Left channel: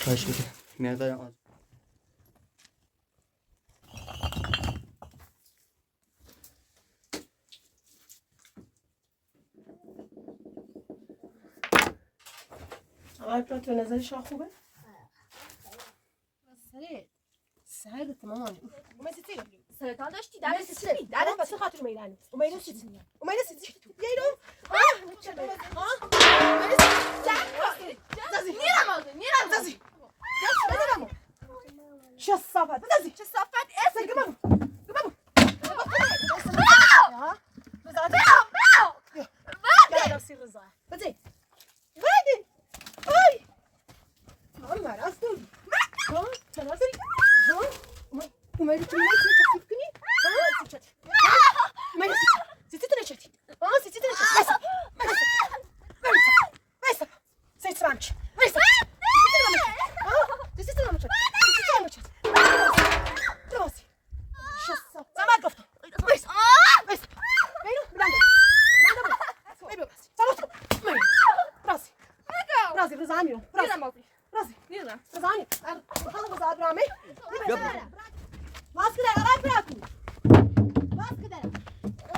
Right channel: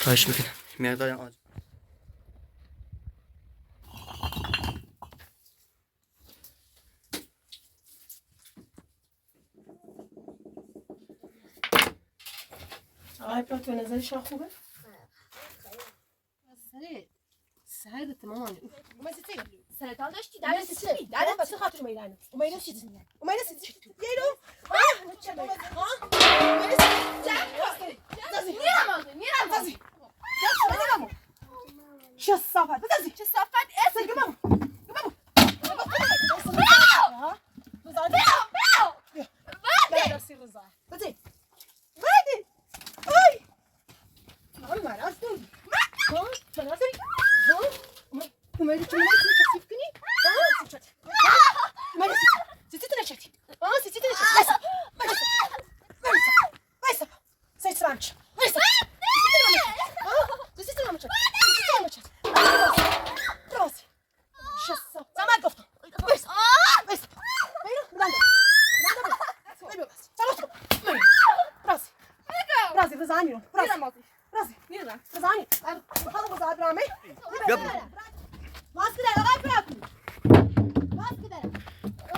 خواهش میکنم مقدار آج. آقای پلات به نظر شما خوبه؟ سرت مامان اومدی چی؟ سرطان داشتی درس چی؟ درس واسه خاطر میرن. اومدی چی؟ اومدی چی؟ یارو چه صافت دازی چه صافت اسم گبام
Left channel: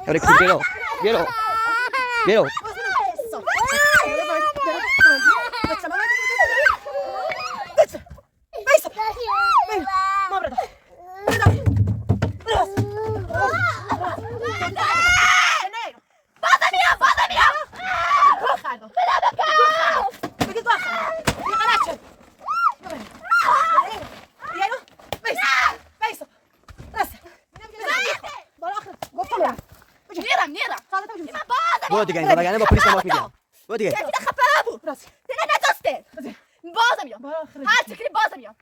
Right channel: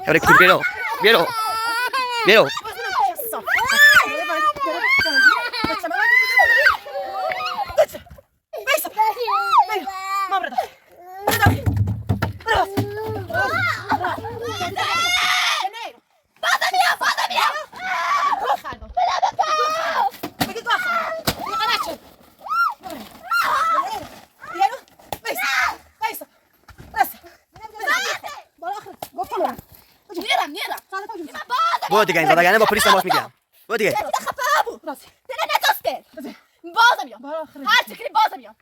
Abre culpero. Vieron. Vieron. برو دیگه این زدگانه با پلیس تماس میگیرم. برو دیگه. بازم میام هر چی کنی بازم میام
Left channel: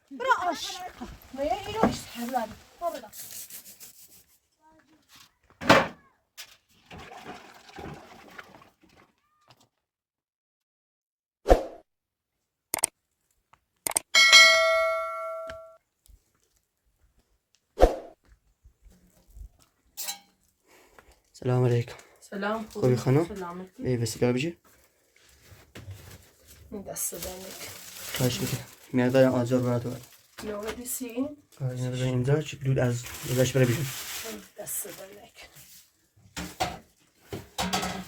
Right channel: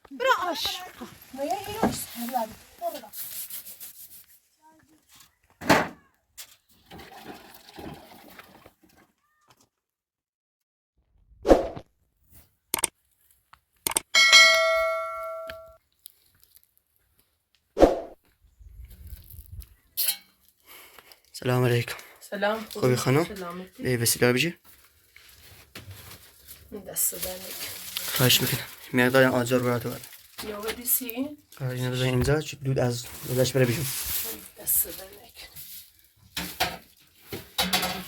سلام علیکم. سلام خوبی خانم؟ سلامتی به وسیله بجی. دست دنک خواهش میکنم مقدار آجر براتون بده. نوع دیسی اینا بزن اینجا چون دود از ازش بره بیرون. دست دنک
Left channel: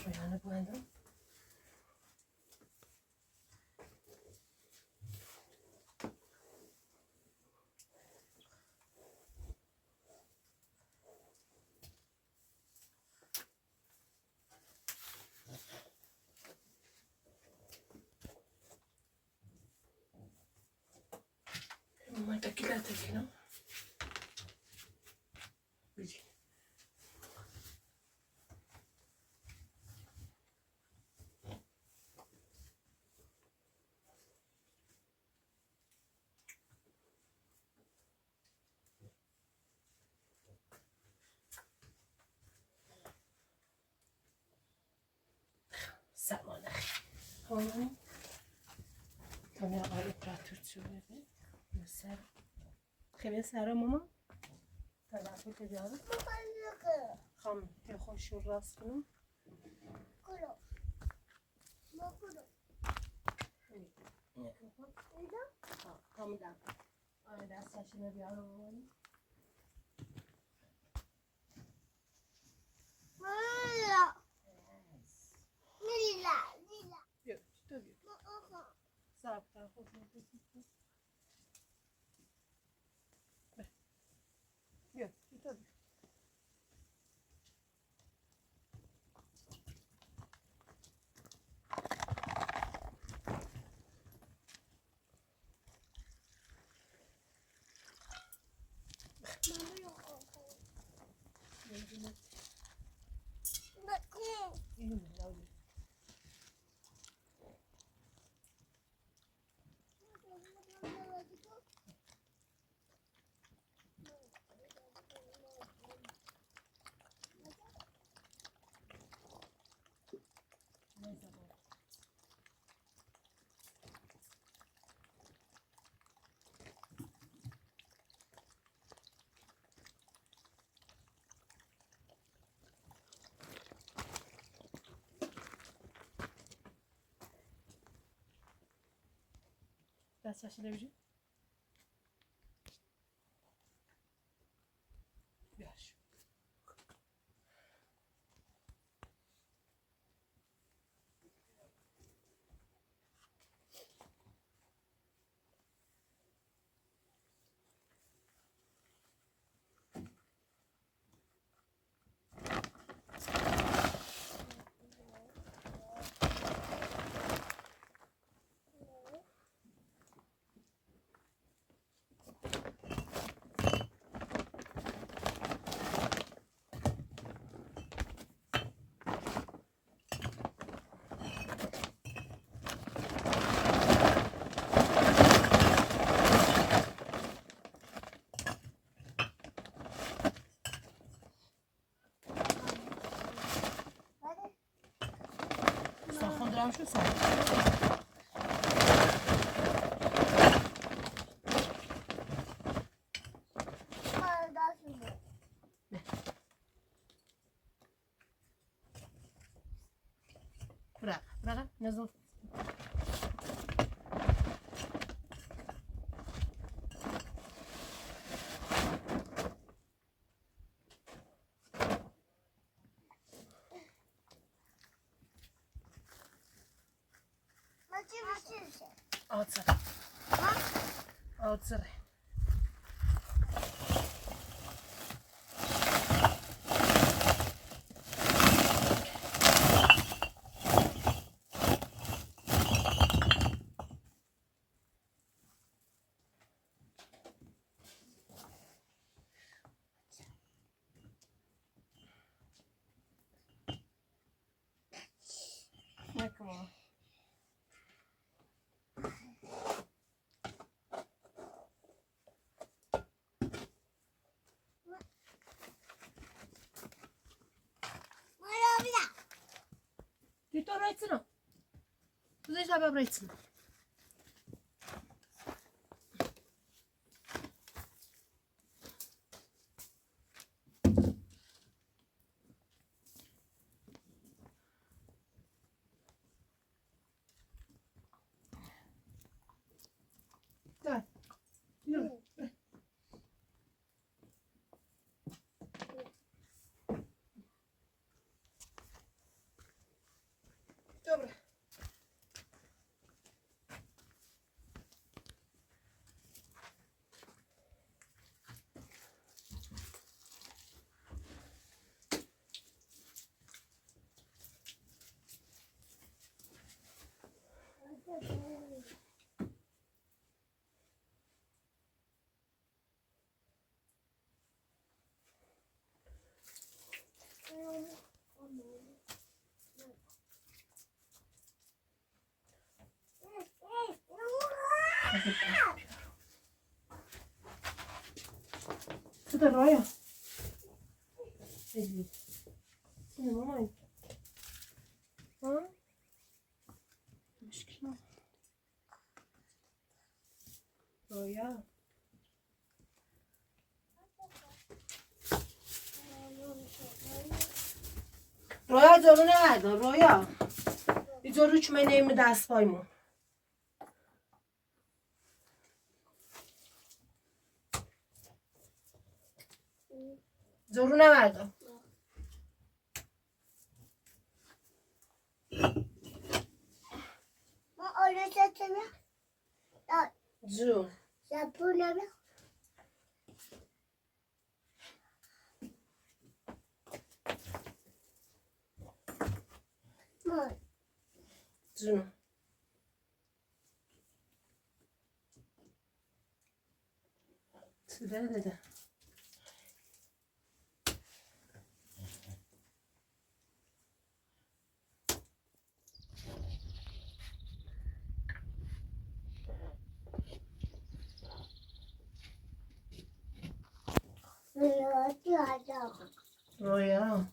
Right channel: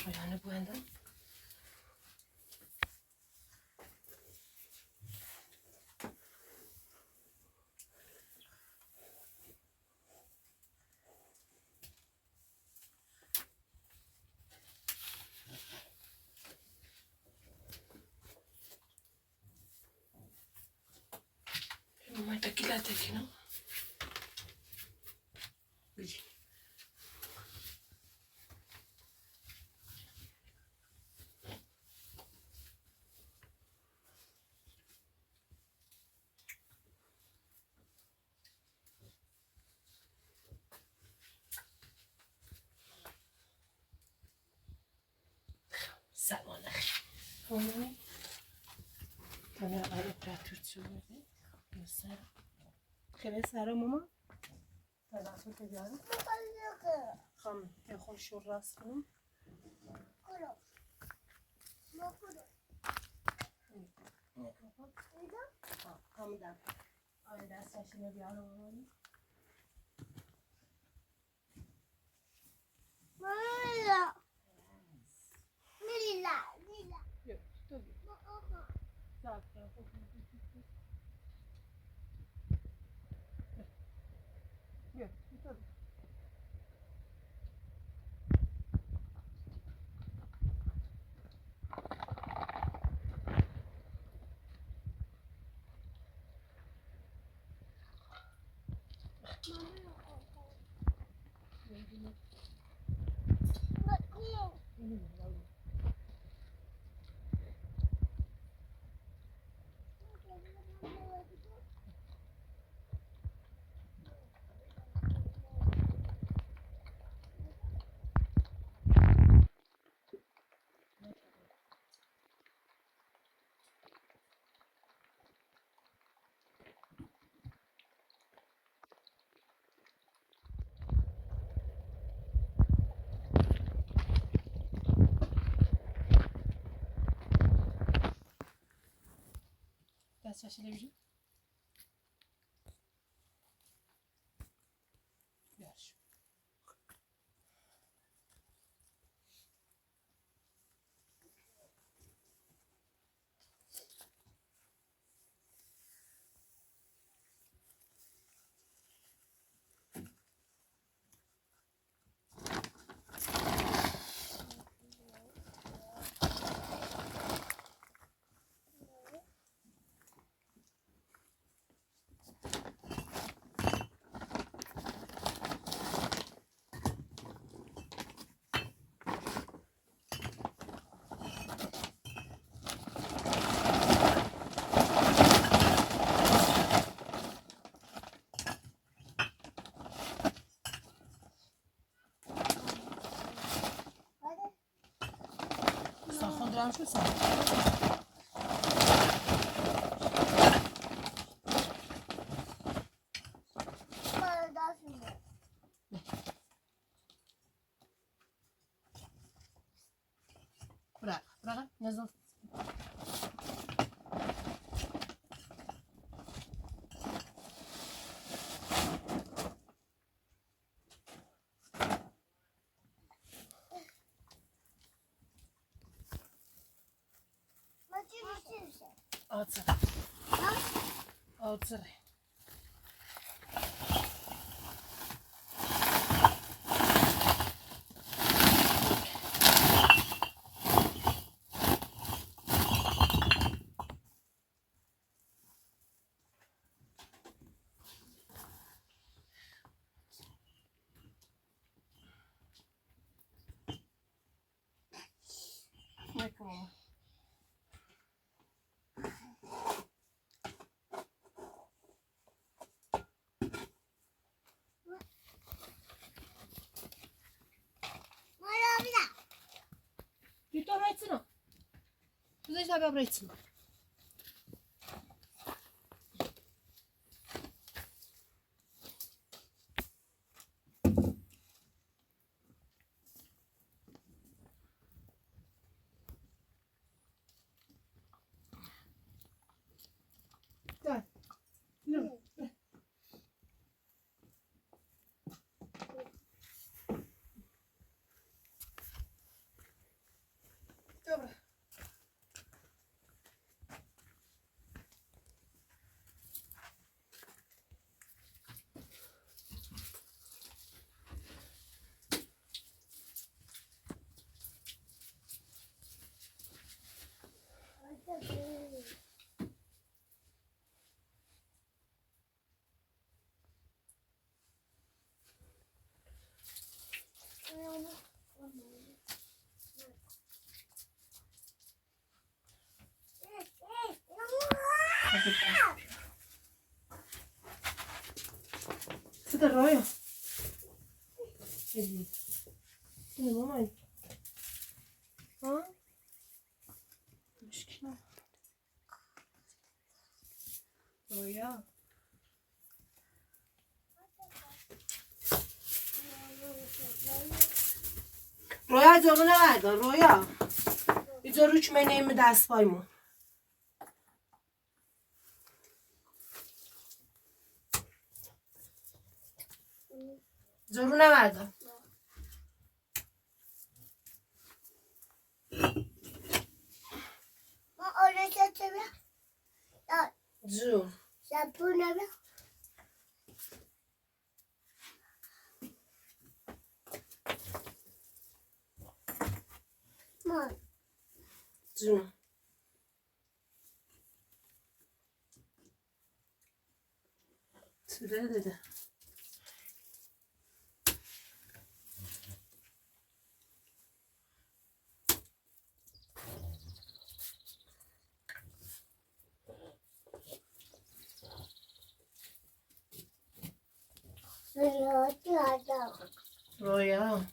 رویانه بوندم ما تاكلها تاكلها بيجي سلام عليكم هوني انا على براتور تسوي مساء خير سارة ماما تبعتوا تجارة خم يا خوش الراس كلهم دست شده بجی شو صار؟ برا نزل اوتسر اوتسر نکن Ты то райцено. Ты знаешь, как райцено. Да. Добре. Це дорога. Іди. Це не мамай. А? Мішкіна. Роя. رویا جلو نگردار رویا اینجا رو که من نیم دست پایمون جلو نگردار ما آره چطوره؟ جو زبونه بیا ما جو چرا داده رویا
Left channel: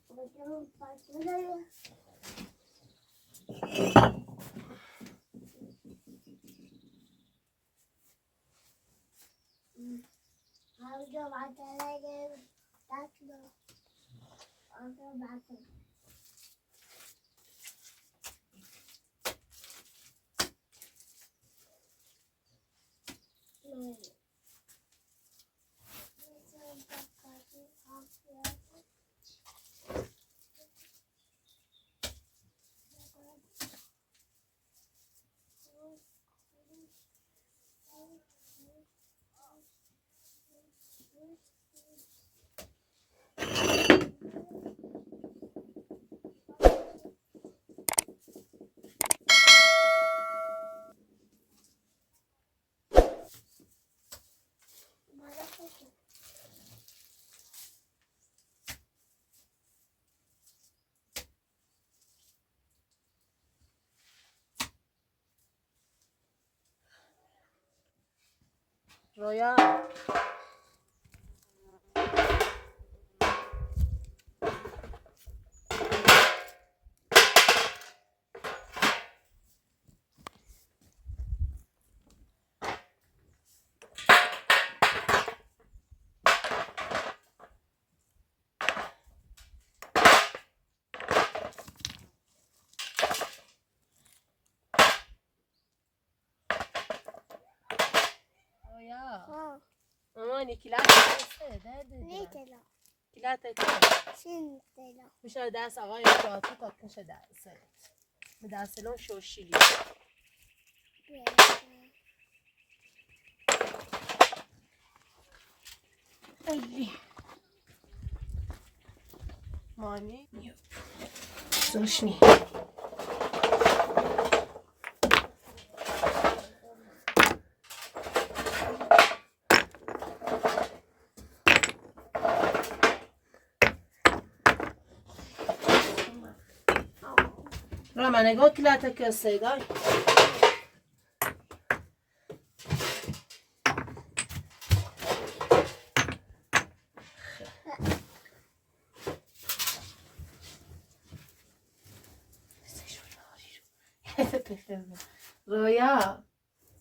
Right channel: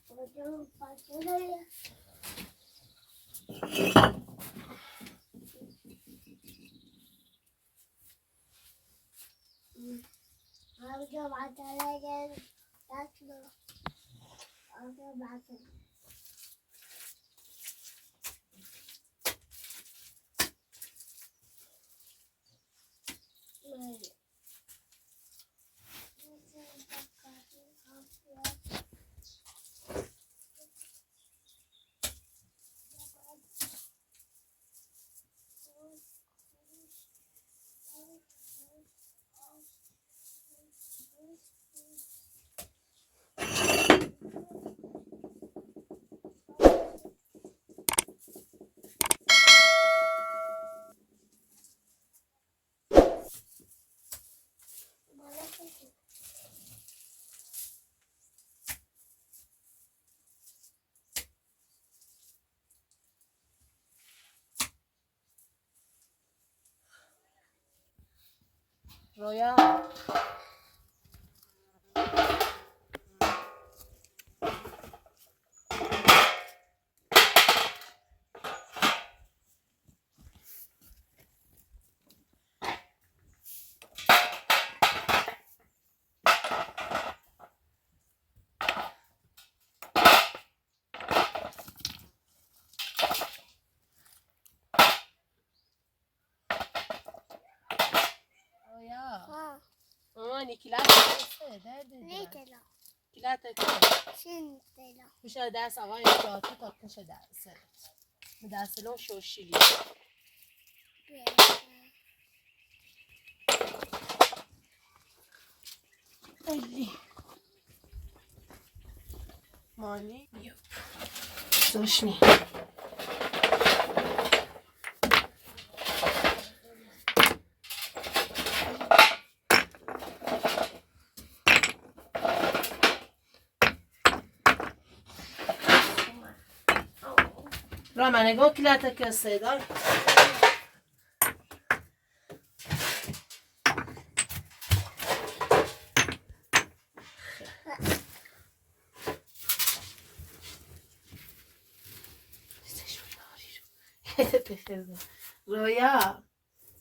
رویا مامانی کلات نه دلا کلات سن دلا میشه دست آقای پراتو تا کشه دست به دستلون شوشیلی خیلی مانی زوشنی را من نگاه کلات که صدای رویا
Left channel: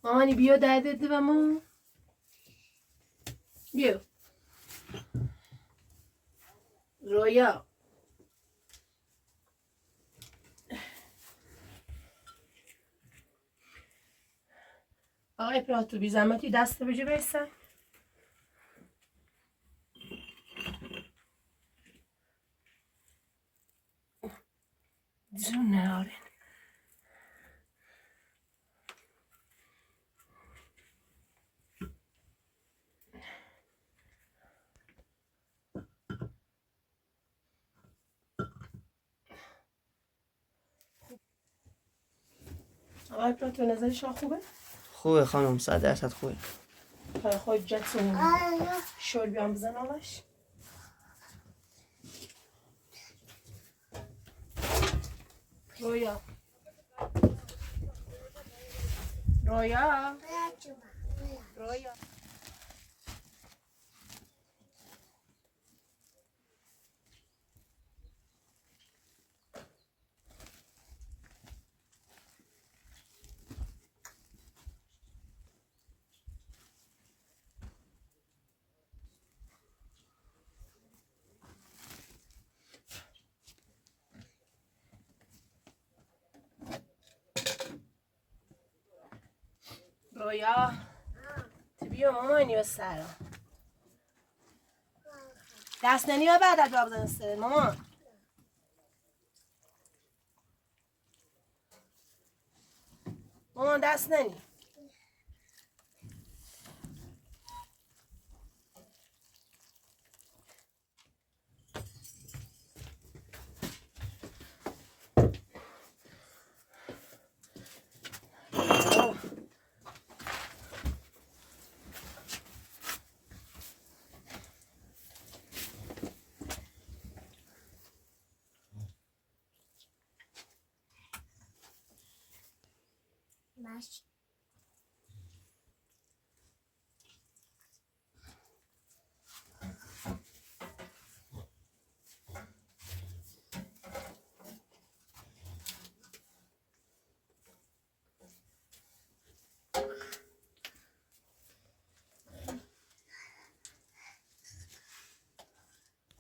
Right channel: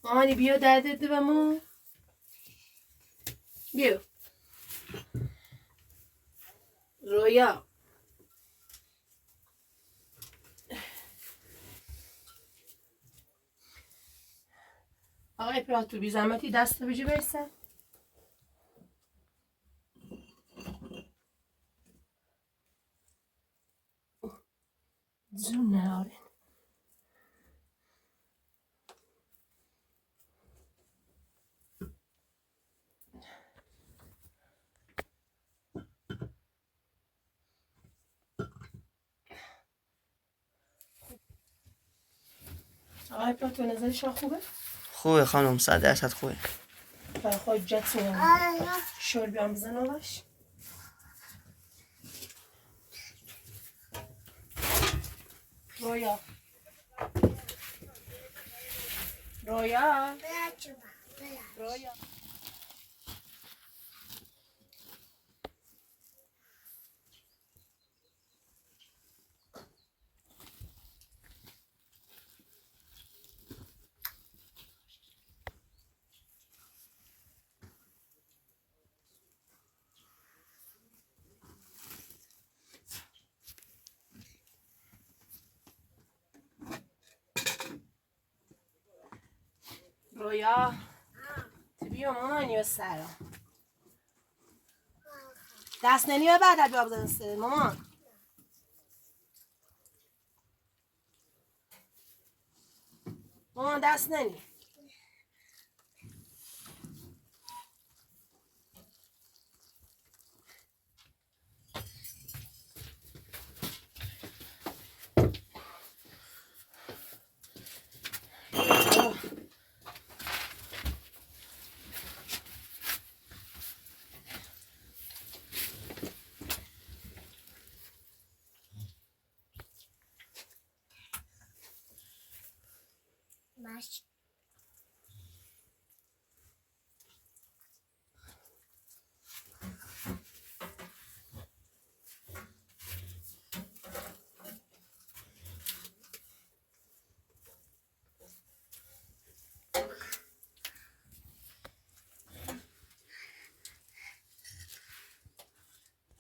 مامانی بیا دردت و ما بیا رویا آقای پراتو بی زحمتی دست بجی بیستن زون نهاره آقای پراتو نظرشان خوبه؟ خوبه خانم 100% خوبه. برای خود جتون شل بیام بزن آقاش رویا رویا رویا رویا تبیو مامانی و سرا دست ننی و بعد از بزن سر مامان مامان دست ننی باش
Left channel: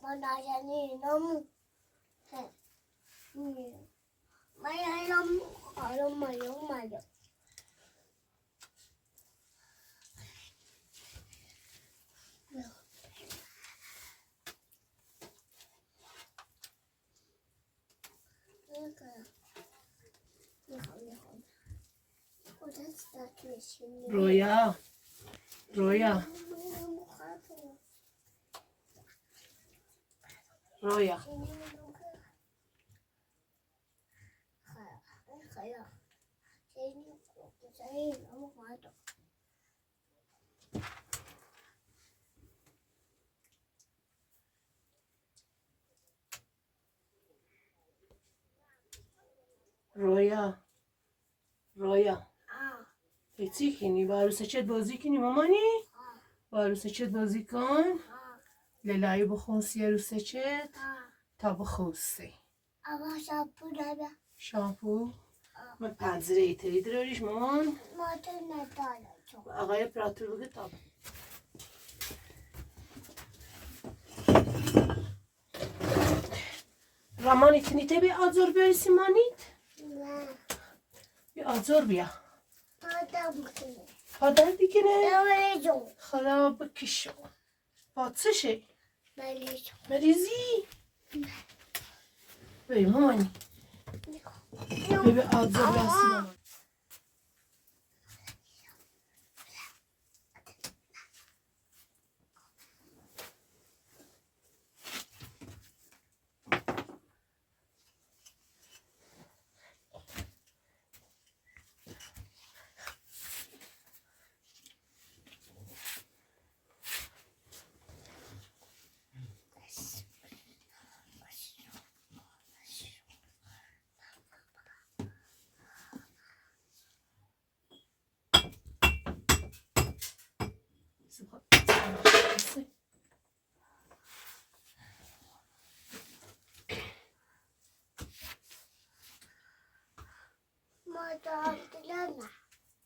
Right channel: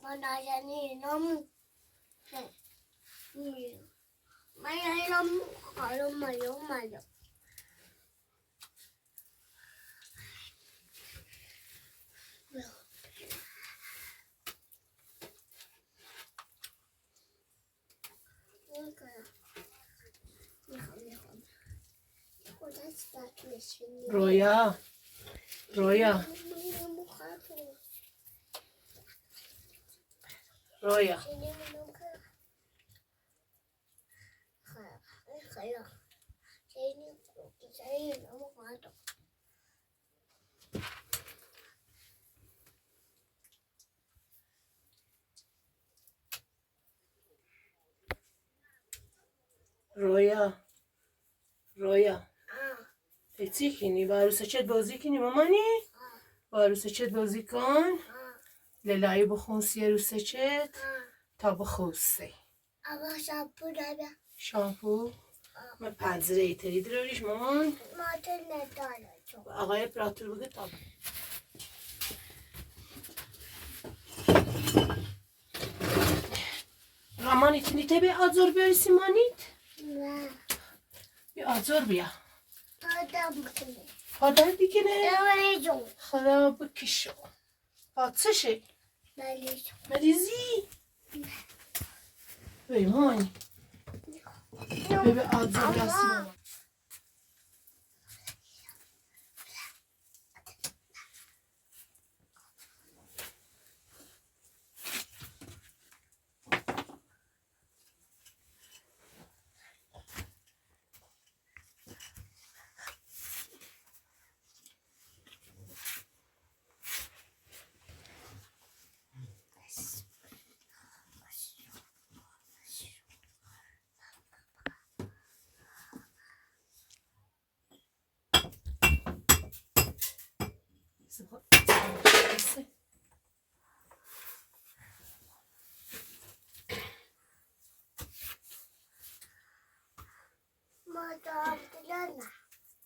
من یعنی نمو من یعنی نمو خالو مایو رویا رویا رویا رویا رویا چی کنی؟ با عروسه چت بازی کنی مامانی؟ با عروسه چت بازی کن للایی بخونسی عروسه چت تا بخونسی اما شامپو داده شامپو؟ من پنزره ایتری داریش مامان؟ ما تو نداره تو آقای پراتور بگه تا رامان تنیته بی آزور بیاری سیمانیت؟ نه بی آزور بیا تا دم کنه پادر دیگه نه ملیجون خراب کشو پاتسشه مریضی بی مامانی ببین آدزر راست مامان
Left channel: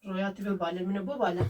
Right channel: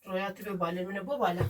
رویاتی به بالا منو بو بالا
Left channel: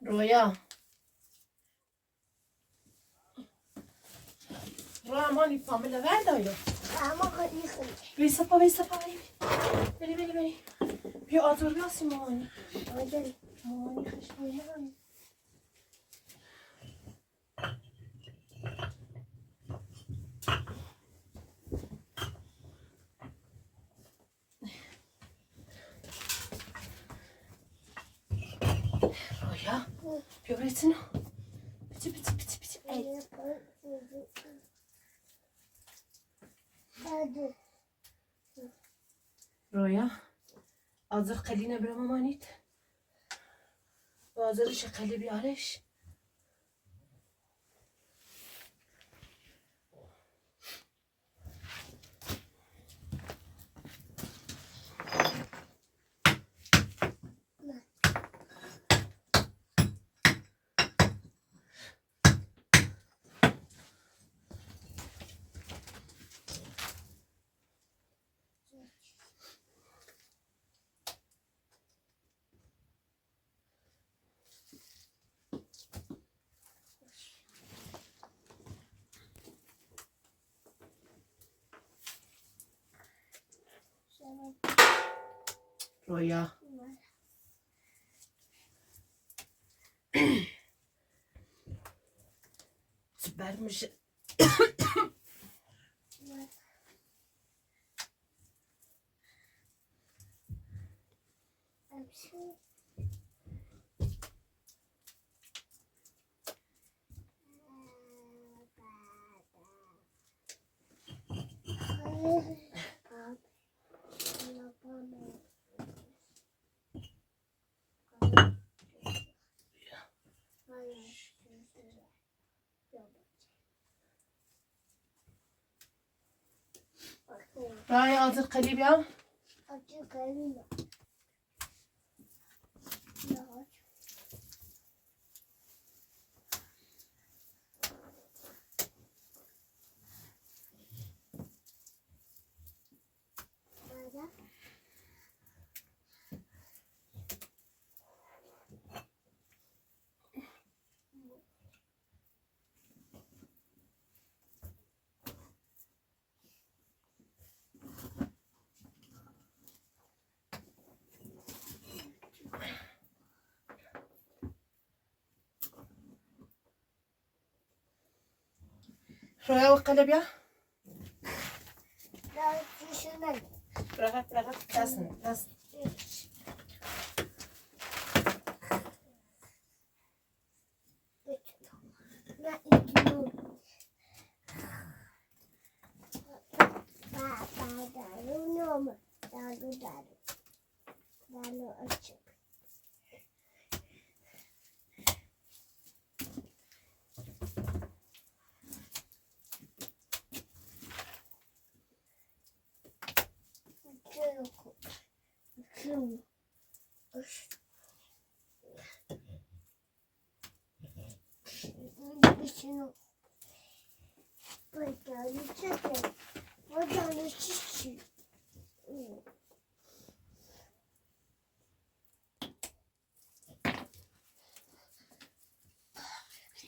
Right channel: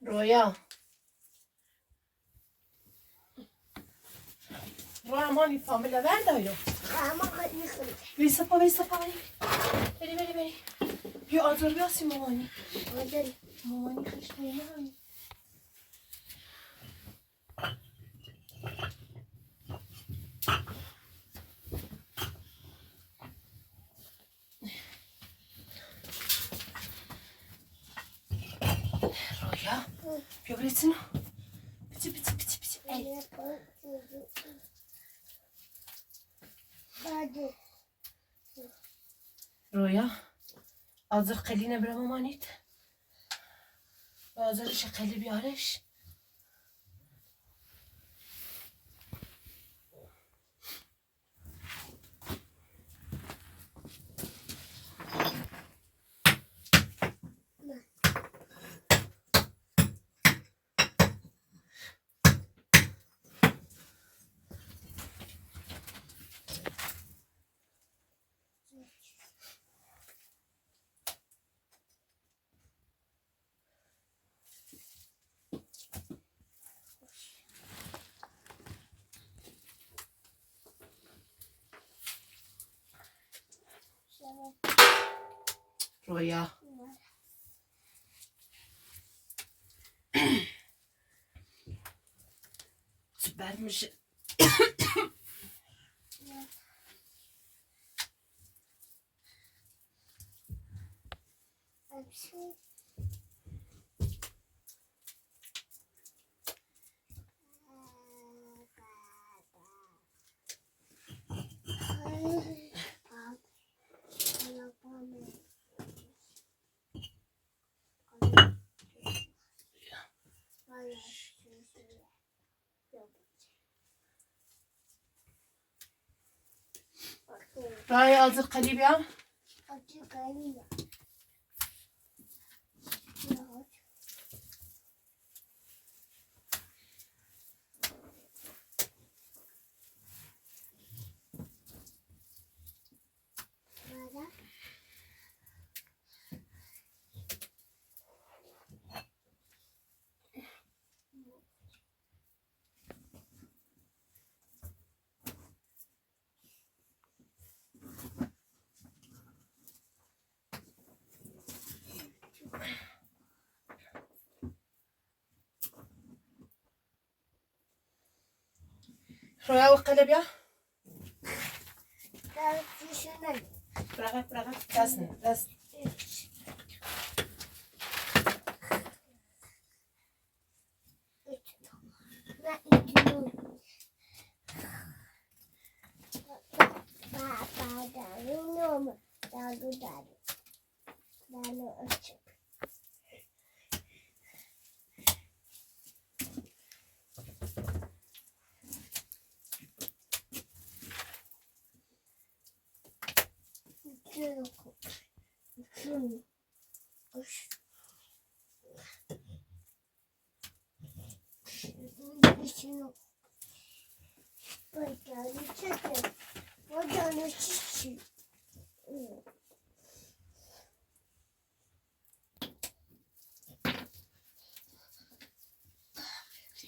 رویا رویا مانی فامیلا وردایا ویسا پا بری بیا آزار بیاسی مامانی مامانی خشنی نمانی رویا بیا بریتینو بیتی ای رویا آزر قلی نبره مامانیت آزرش قلی بیارش رویا بر میشه رویا آزر قلی بیا رویا و قلبیا در پیشونه برقه دست نه اینجور بابا دارونم دارو اچه شنو بایداری چطور بایداری چی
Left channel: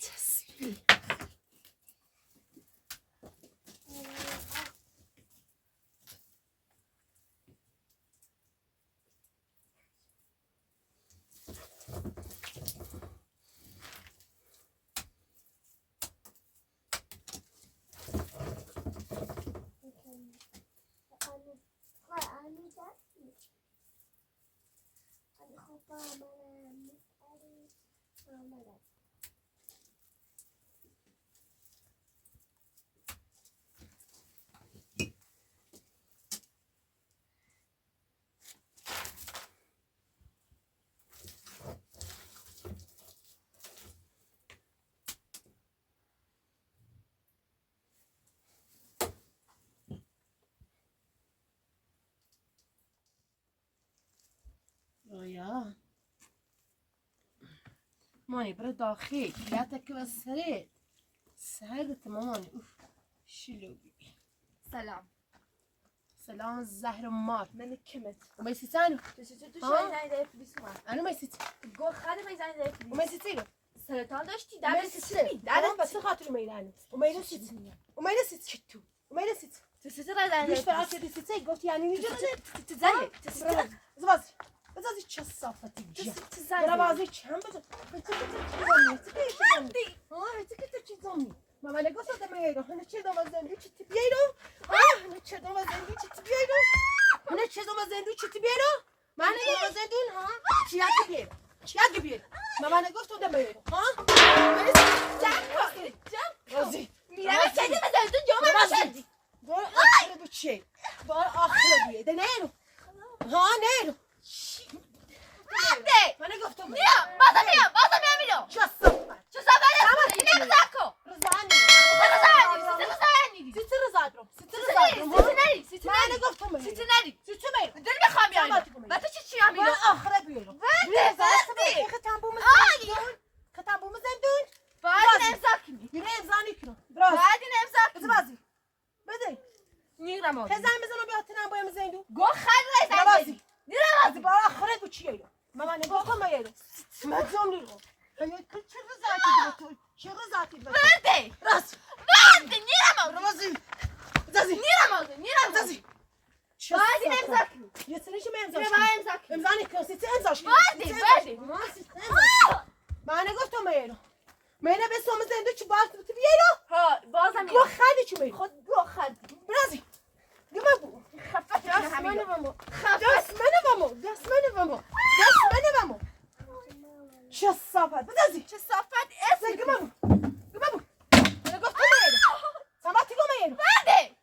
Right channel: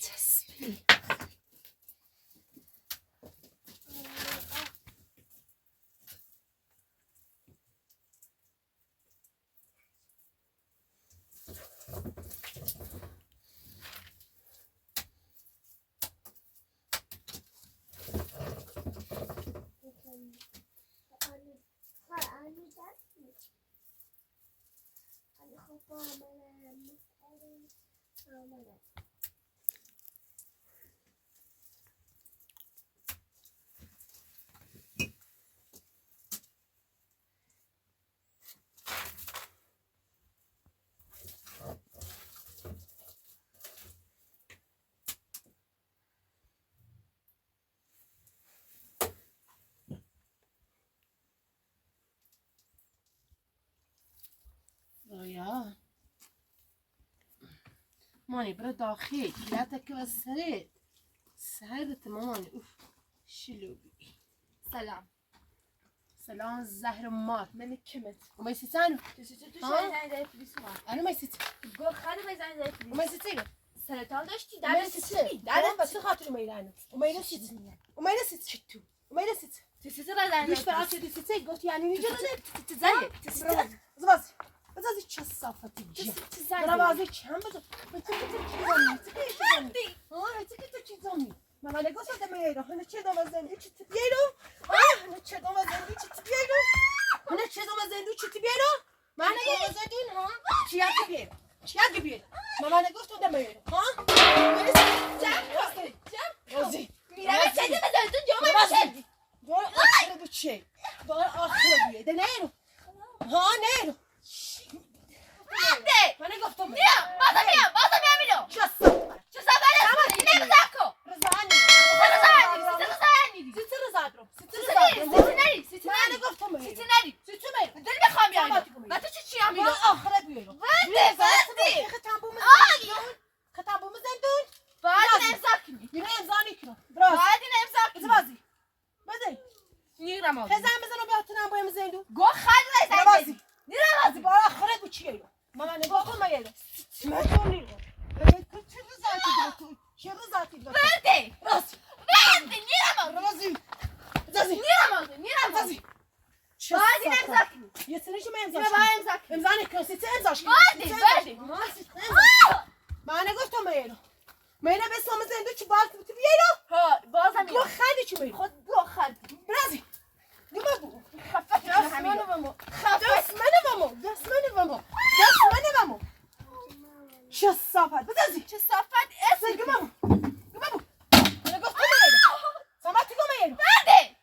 تسبیح رویا ماني برد داخل لا تكبر سرت ماماني اوف شلوبي سلام سلام الزهر مات من كمت وما يستانو تو آه. شاید زنگ فلیس ما انا ما يست گل خاله می زنگ فلیس وما يستيقى سرطان داشتی ما در يست چی انا بس خاطر ما يلانو وما يست وما يست شتو وما يست تو سر زنگ مش فعلت دي قلت يعني نيجي زنگ زبازي بزازي چه صافتي جا برا بازي چم بزا انت چی ها انت چی زمی ماما نگوسه دمیرو هنه چه دوم زندو چی تبیرو هنه چه دوم زندو چی تبیرو هنه چه دوم زندو چی تبیرو من نگوسه زندون ها چی یاد بیر ماما نگوسه دمیرو ها روزی میرم چه دیگه زندون جا من دور آخر دو چی دور آخر بیه ده نیرو ها نیرو نه من گفتم میام بازم میام چه صفت چه سفره اینه بزاکو رضانی سیتی من گفتم نری تو میرو دل میخوام یعنی و تو چی هم من آخره بیرو وردی ختم بوم زندون باید امضا کنی بیرو امضا کنم براز باید این امضا کنی بازی بده نیرم آدم هزار میزنم بیاتنم با زندون گو خاله زنگ بازی نیرم بازی با آخره دو چیه ماما نگفتم میرو من نیرو چه رضاتی دو وردی راست نیرم آدم بازی نیرم بازی باید این امضا کنی یه سنش امضا نیرم امضا کنی امضا نکن ست امضاش کن وردی من نگفتم میرو میرو به سوم زنده چی باز تو بیرو ها بازم گو خدی چی میرو خود گو خاله برازی گما بو خفت دست منو بامو چه صافت بزازی چه صافت اسم گما بو من گفتم میرو سامتی گو میرو وردی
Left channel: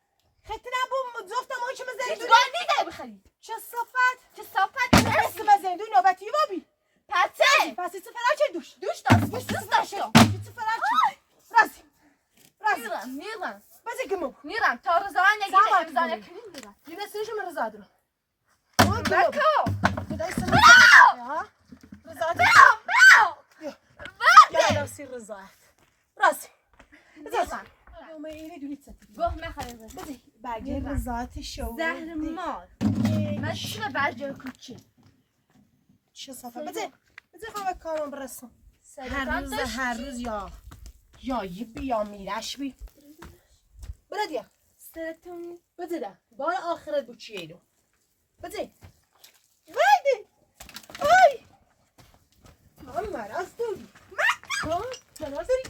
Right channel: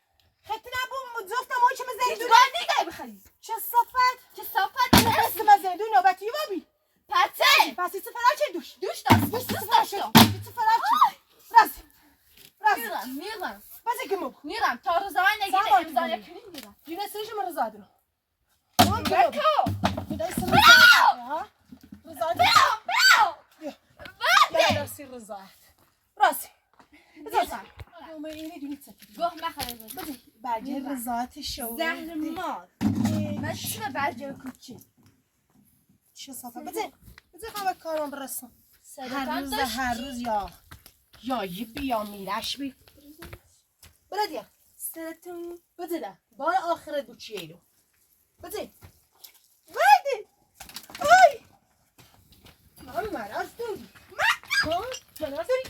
خطنا بو زفتم ما چه مزندون گاندی دای بخری چه صافت چه صافت بس مزندون نوبتی بابی پته پس ایت فراچه دوش دوست داشتم ایت فراچه رازی میرم بازی گمو میرم تا رضا نگیره سلام امضا کنی. نکنیم میرم یونسیش من رضا دارم بکو خدای سر ها رضا برو وردی راسی رضا راسی میرم ما اینی دونی سکی گوه مخواه بازی برگه رضایت شو زهر مار من چرا برجه کوچی چه صفحه بازی قوه کارم برسم سرطان داشتی هر روز یا یه بیا میرش بی بردیا سرطان بازی ده بار آخر دو چیه رو بازی بردی آی من مرز داری ها مرز داری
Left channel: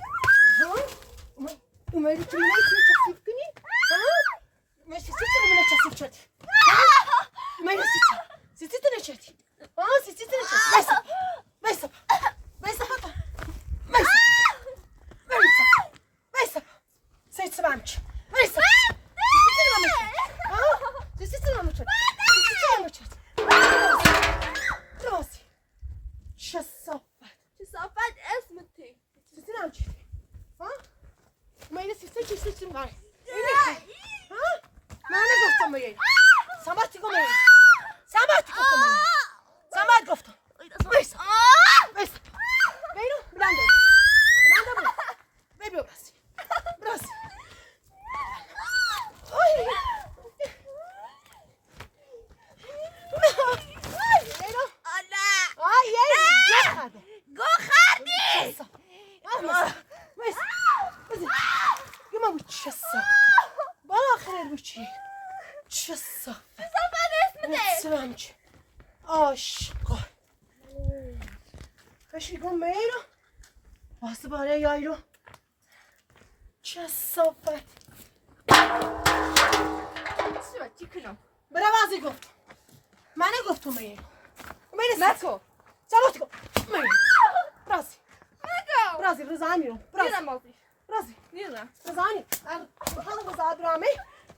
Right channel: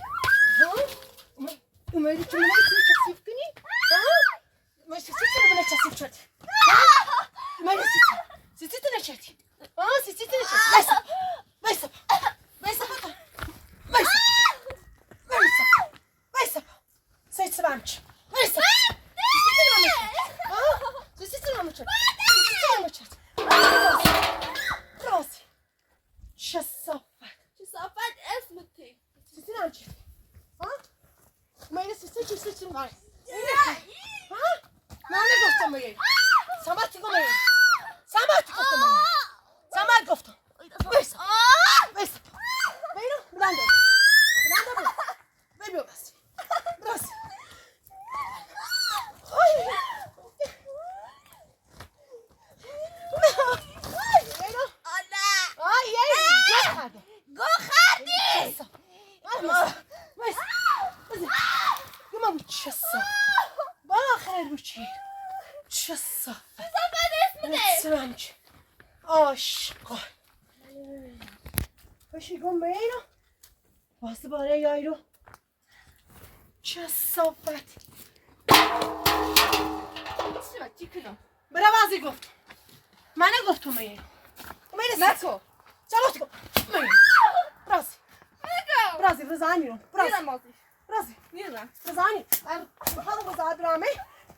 ها اومدی تو منو کثیف کنی؟ ما سیتی منو کثیف شد. منو سیتی نشدی. سیتی نشدی. وایسا. سیتی بامچ. وایسا. سیتی بامچ. راسي. کثافت اسمتی. سیتی بامچ. ما اینو سیتی معي. ما نگفتم میگی. سامت گفتم. وایسا. بینو بلندو. ببین راست. گو خردی. واسه باره یایرو چه صافت چی کنم؟ برم ازی گفت من گفتم میگه نکو. چلو گفت برازی رزانی رو میرم مازی. برازی میرم. رزانی میخوام بزاد برامه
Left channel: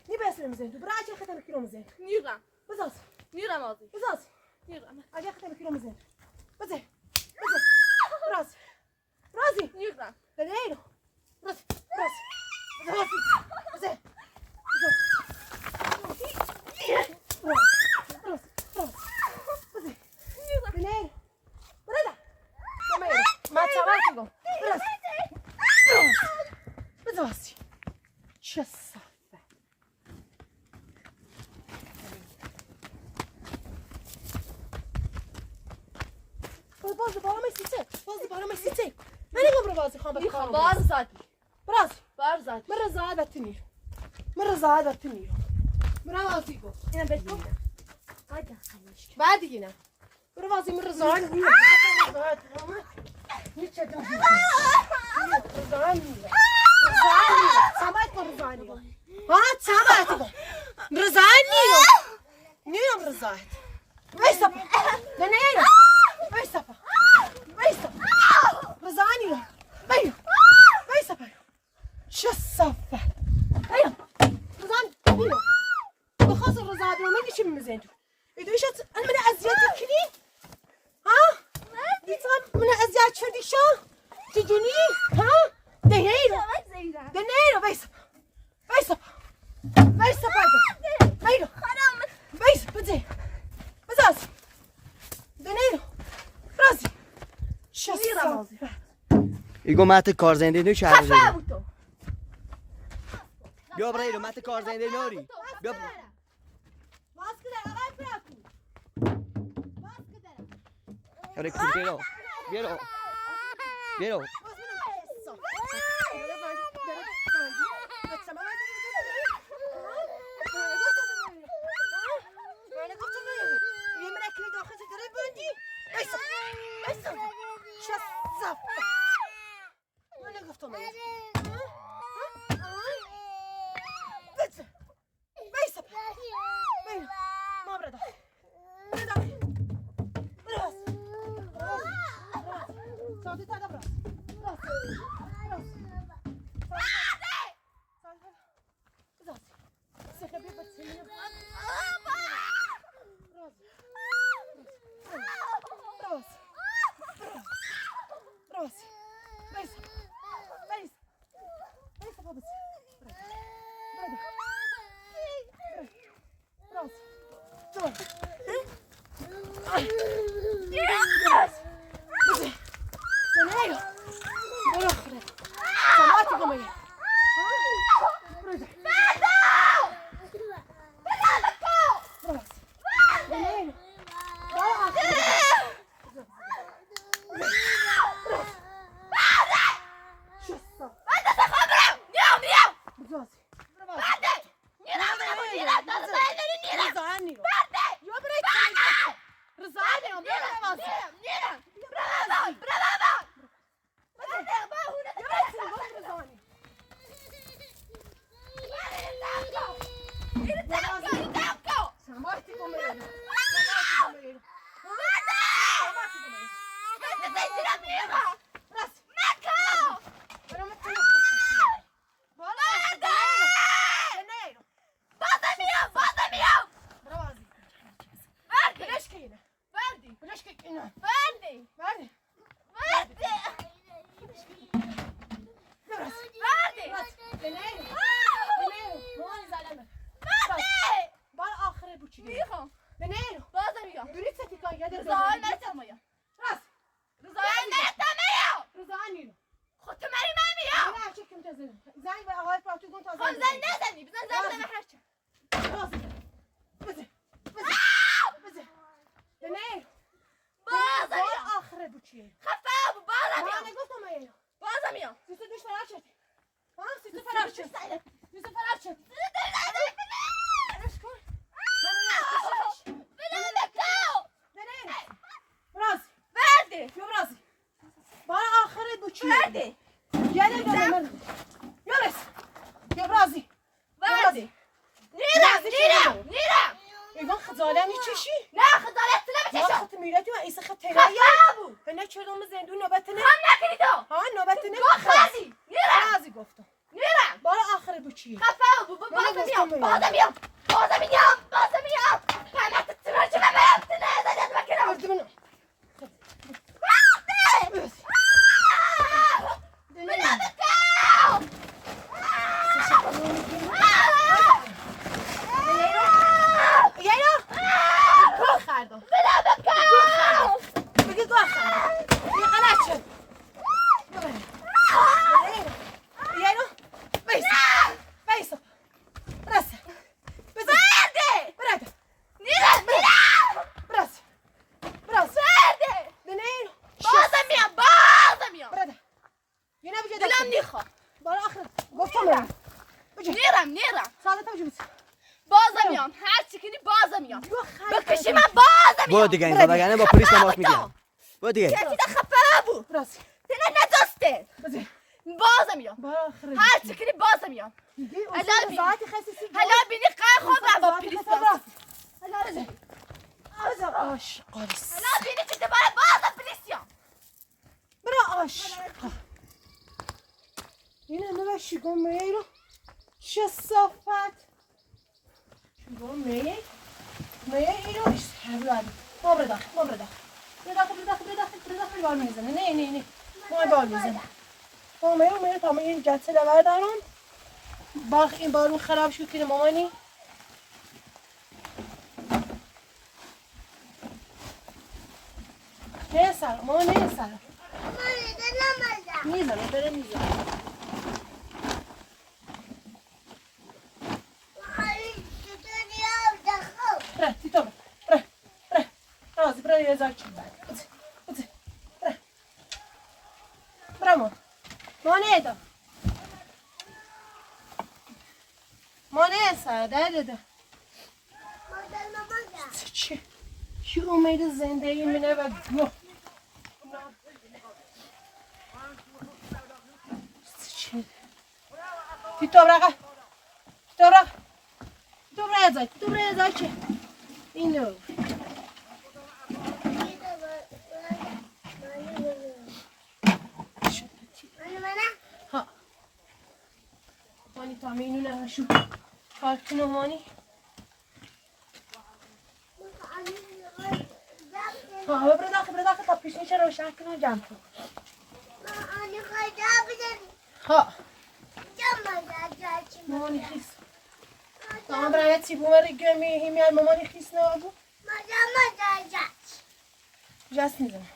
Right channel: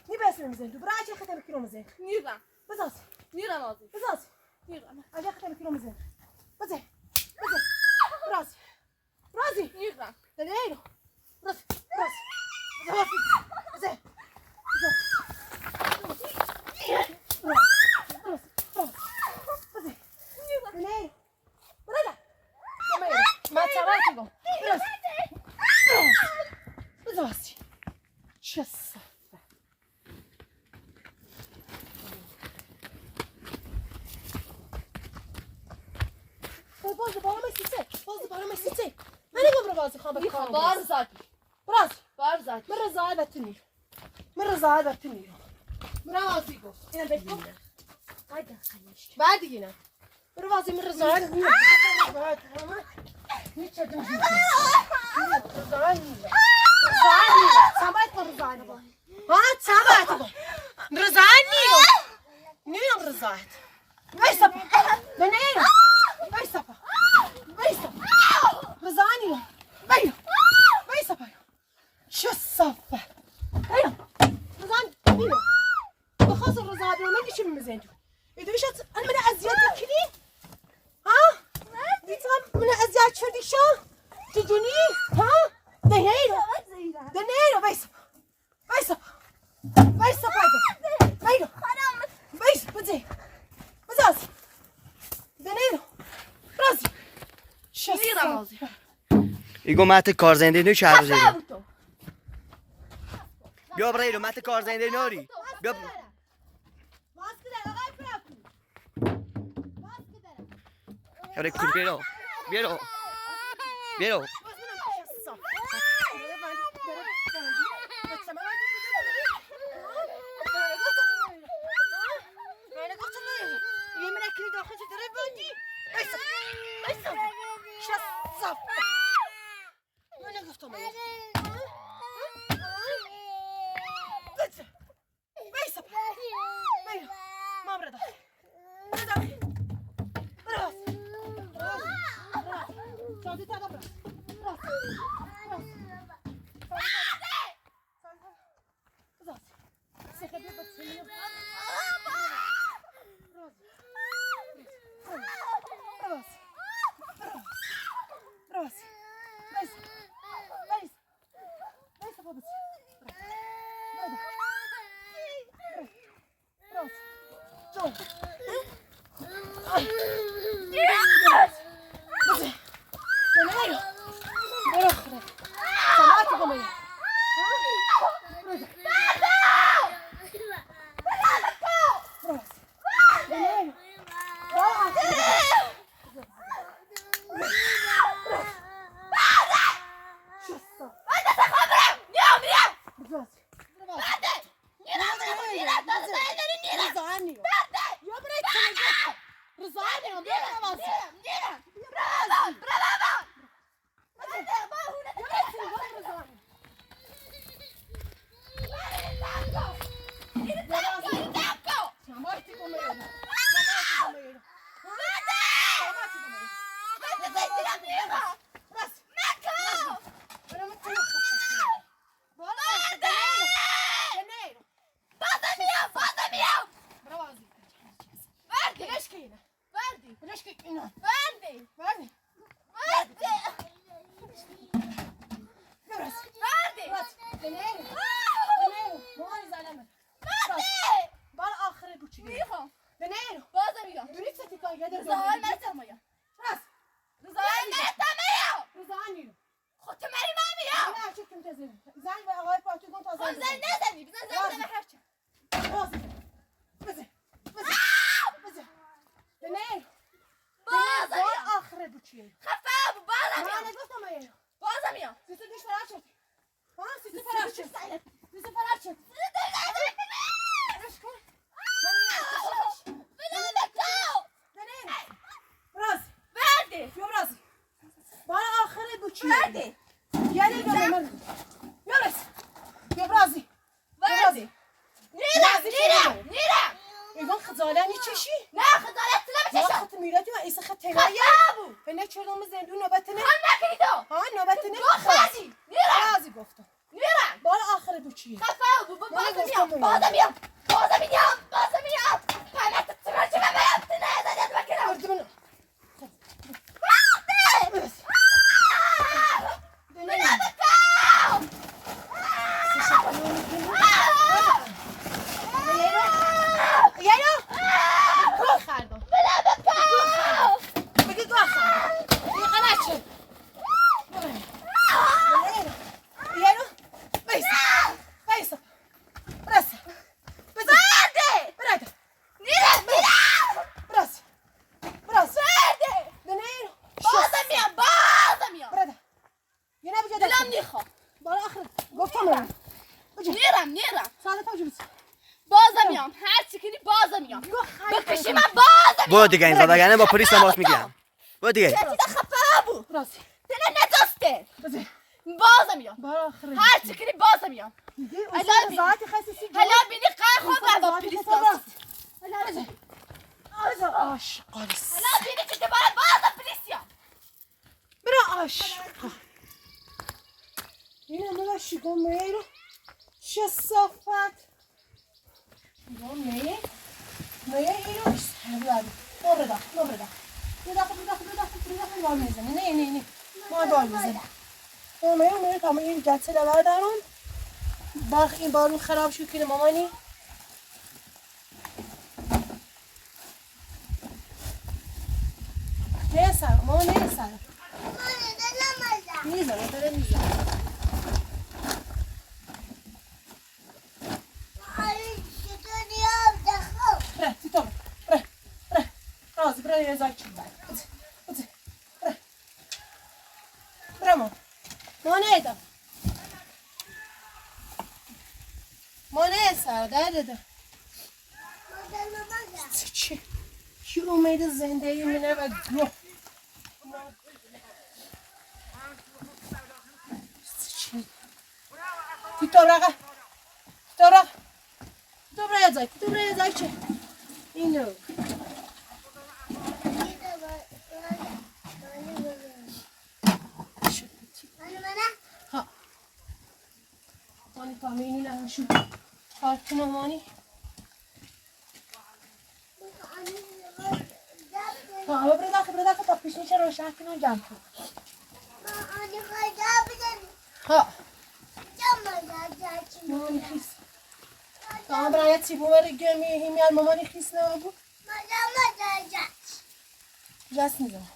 نبسم میزن تو برای چه خطر کیلو میزن میرم. بزاز میرم مازی. بزاز میرم. اگه خطر کیلو میزن بزه برازی میرم. بدهیرو برازی بزه میخوام بار زدی. بار زدی. اینم بگیم. بعد دیگه برو واسه من رضا نیم میچدم سمعت رضا ها سمعت رضا نیم رضا ويسا دنيا ويسا رضا نیم ويسا شو الصفة ايوه رضا نیم بخاص الرضا هذا ما نشم مزينتو إذا إيش أنا من أزياد كذي ها ديتهم من أزياد شو دي شو تجوني ها دنيا ويسا بايدو ويسا بدي بزاز دنيا رازي شو رازي ایگو مت کارزنده نو شهر زیرو بیا برایلو مت کارزنده نوری بیا Ahora culpero. Vieron. میرم. راست نکن. برام تو بالا نه بازم میام. برو بازی وردی. برش که اینه وردی. برش که اینه وردی. وردی راست وردی. راست نه مامان زلمه وردی. بال آخر بوچی میخوام. نه بازم میام. دوری ستی کار یاد رضاهای مرتمایم. راست رضاهای مرتمایم. روزانی خود تو مری من میام. نه چه کم تازه زنگ به آقای پاتوگون تازه خود زنگ نزنی. بزن زنگ بزن هرچه. راست بزن نه بازم بال میام. آخر بوچی خفه بود. بازم ما میام. نگفتم اینا بازم میام. سیستم دیش فرار شد ها سیستم فرار شد سیستم فرار شد راست وردی. یا راست بال آخر بوچی وردی. یعنی یا راست یا رازی وردی. نیرم. ایوان خزاله میچشی نه خجالت نمیکشم. خط میراتی و ایسا خط تلایه خفه بود. و نه چرا زندون نوبت نه هم نکنی تو. ها نوبت نه گفتی. نیرم. رازی گفتم نیرم. بال آخر بوچی خفه بود. بازم میام. قیمت تمرچه ببرم. تو نزدت بکنم. ارد منو گوه خردم بگی گوه خردم بگی غلط شد یعنی بیسا برسه برده برسه دنیر برده یه نبیگه دست بالا آخر گفتم برم ساعت پاجو بس هر چی کنی بازم میام. بکشی من بازم برو دیگه این زدگانه با پلیس تماس میگیرم. برو دیگه. چکی ده خفه بود. برسه دلم نداشته. بزن بازم میام. بالا آخر هر چی کنی بازم میام. اصلا ساعتی خسیسی حالا بینی قای خود را با پلیس بزن بزن آش قارس حالا بینی که دوباره بازم پلیسیام. برو آش اینه نباشی گمه رو چه صافت گمه ای رو سرلانی ما برده برده بال میزنه نه ما بال میزنه گمه رو میره تمام این جلسه لبر دارم این بارون خراب شد که مامانی نه سر ماما نه سر میزنه بره میزنه بره تیتو بره رازی بره یه زای چی بره ما نیدم ما نه سر ده چی کی امید زندگی منه و گوه چی تیتو بره یه زای چه اینو ها مانی پامی اینو نشو کارتونو مانی ها بره داخل تا پیشنی چه روشن کنو جمع کن ها مامانی خیس برای چی بومر گمی همیار مامانی خیس نبود جست میزنم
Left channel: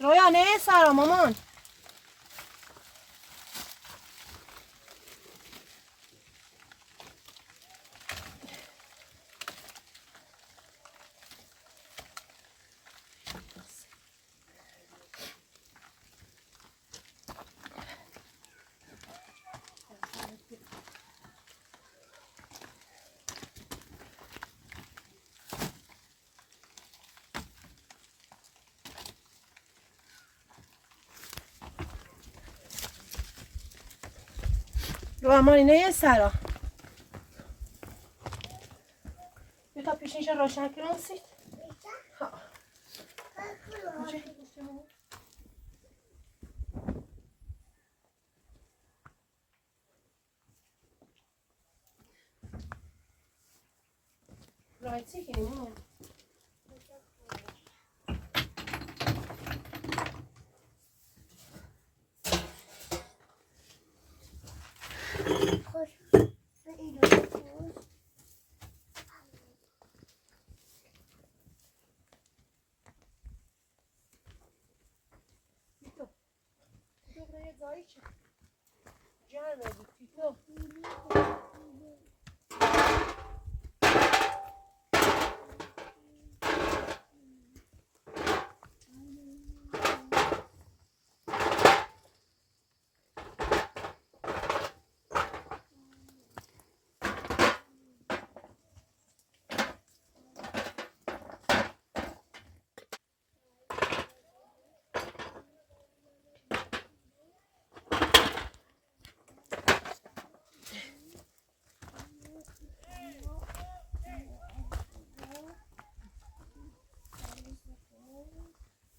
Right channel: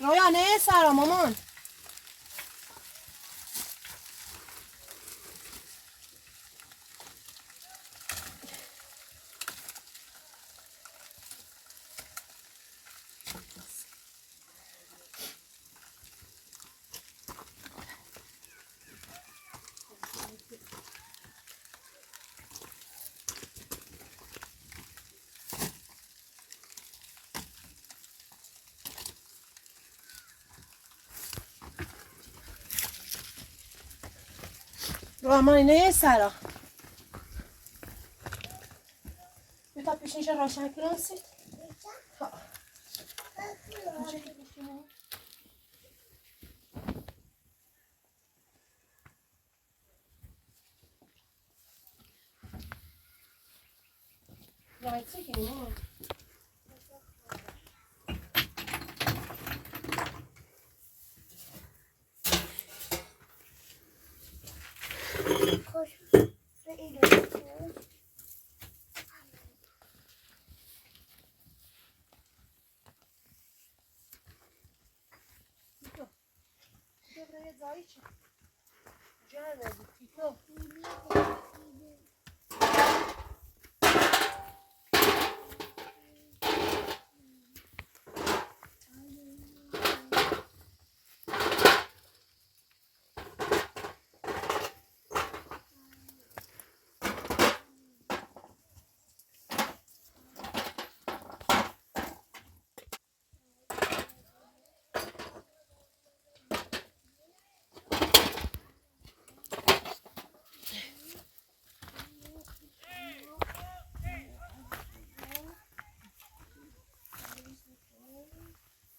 رویا نه سارا مامان رو امانی نه سرا تا پیشینش روشن کنم سید ها رایتی کنیم خوش به اینو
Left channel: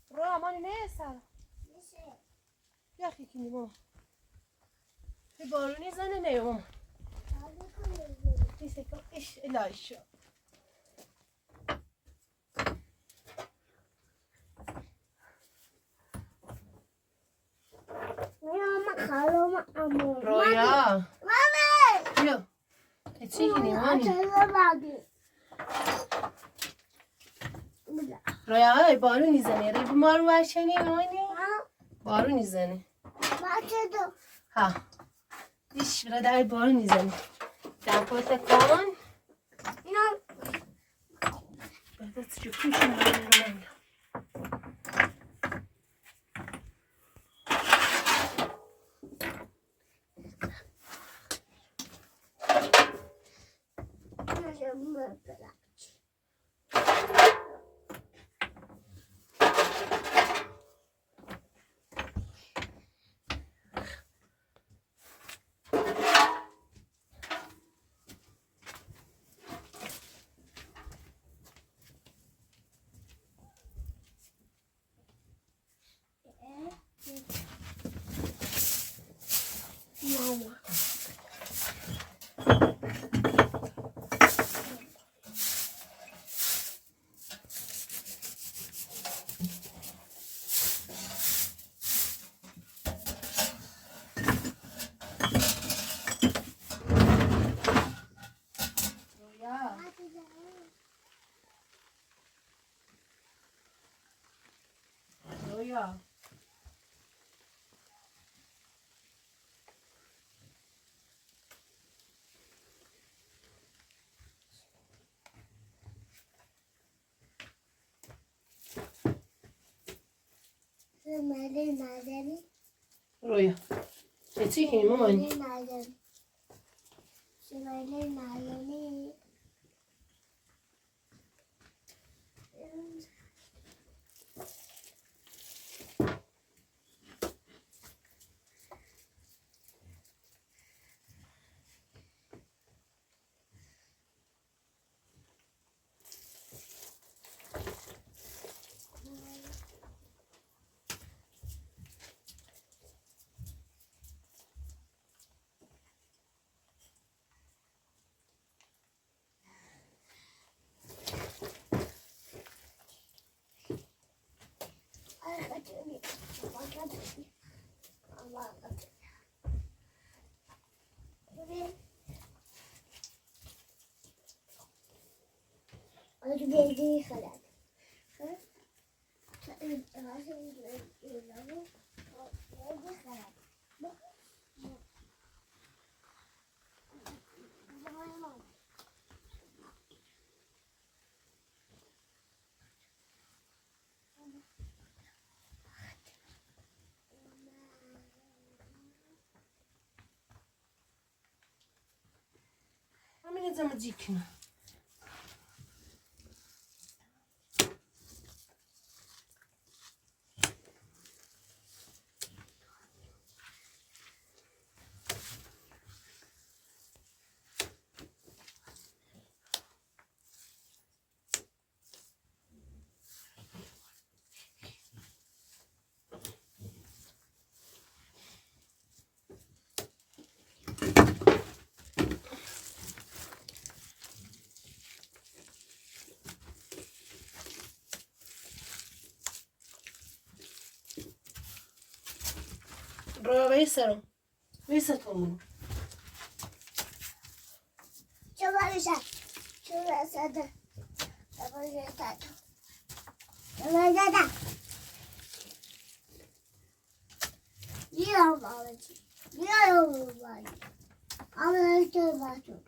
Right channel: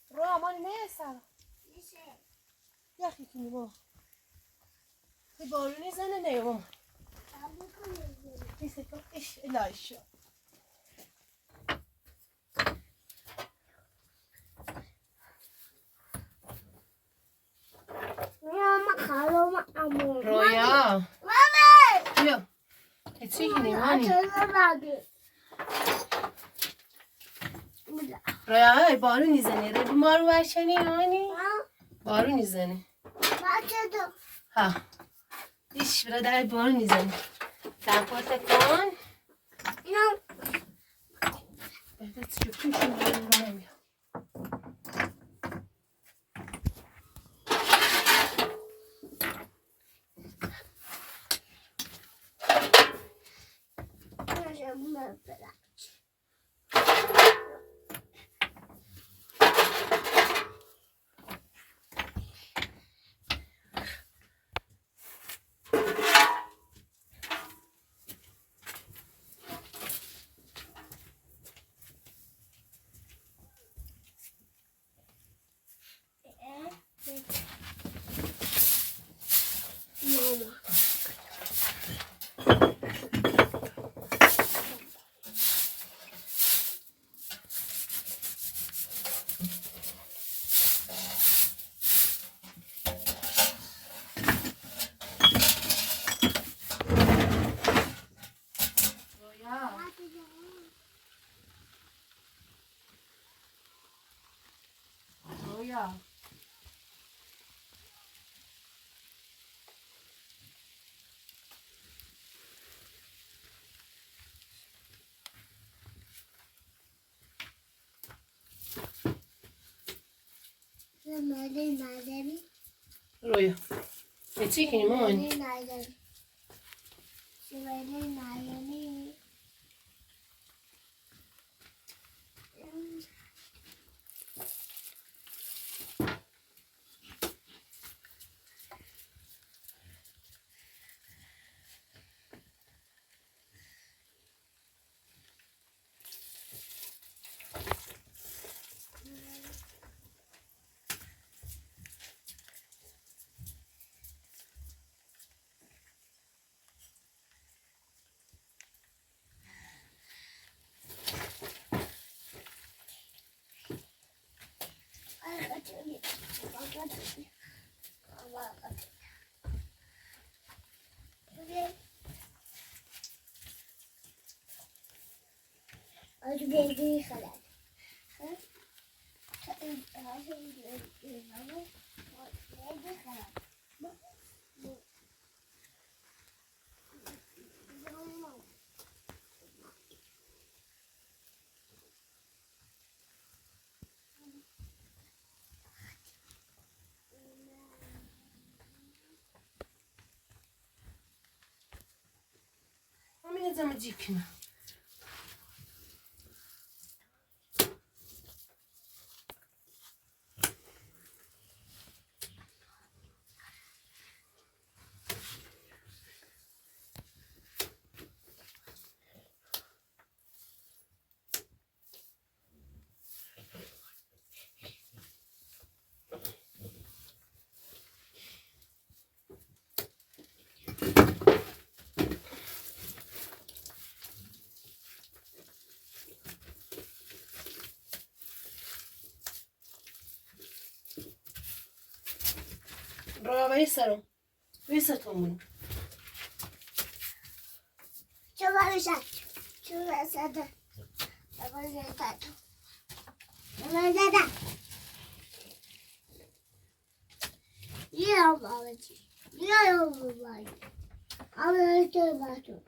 رو امانی نه سرا یخی کنیم ماما به بارونی زنه نه ماما نیسته کن اش الهی میام خالم امو رویا مامی بیا چی کنیم مانی رویا بارونی زنه رو بیمار ورشنی مانی بارونی زنه ها دیش برادر بارونی زنه در پاتا کن بس جو پیشون رو نمیلا رویا رویا چی کنیم مامان همین زمه جی کنم وایسا تو مونو شما بشن شما بسده شما بسده شما بسده یه باباچی یه باباچی آمده تو باتو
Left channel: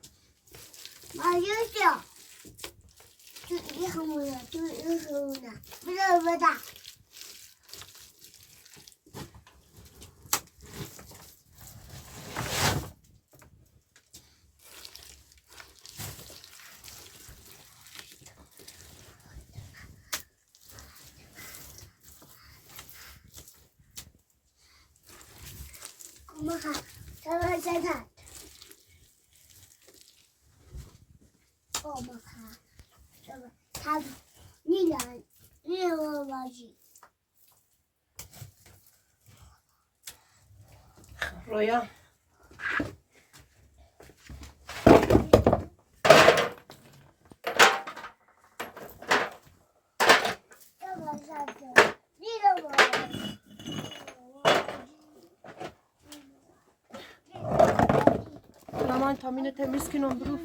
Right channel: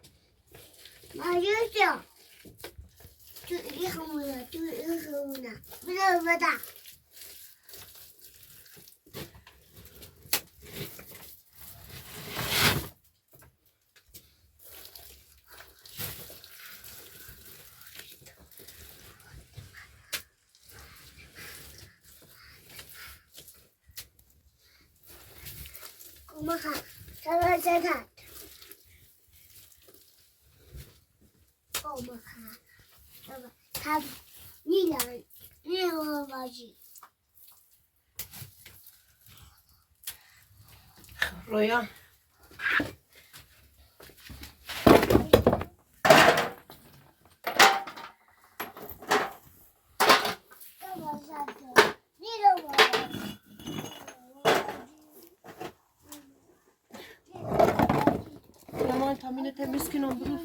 ماجوشا تو این خمونه بلا بدا 엄마가 잡아주다. 엄마가 잡아 다 니랑 니어가지. رویا 잡아주다. 니어가지. Aman tamine temiz ki non برو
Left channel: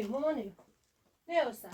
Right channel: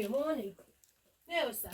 نه ماما نه نه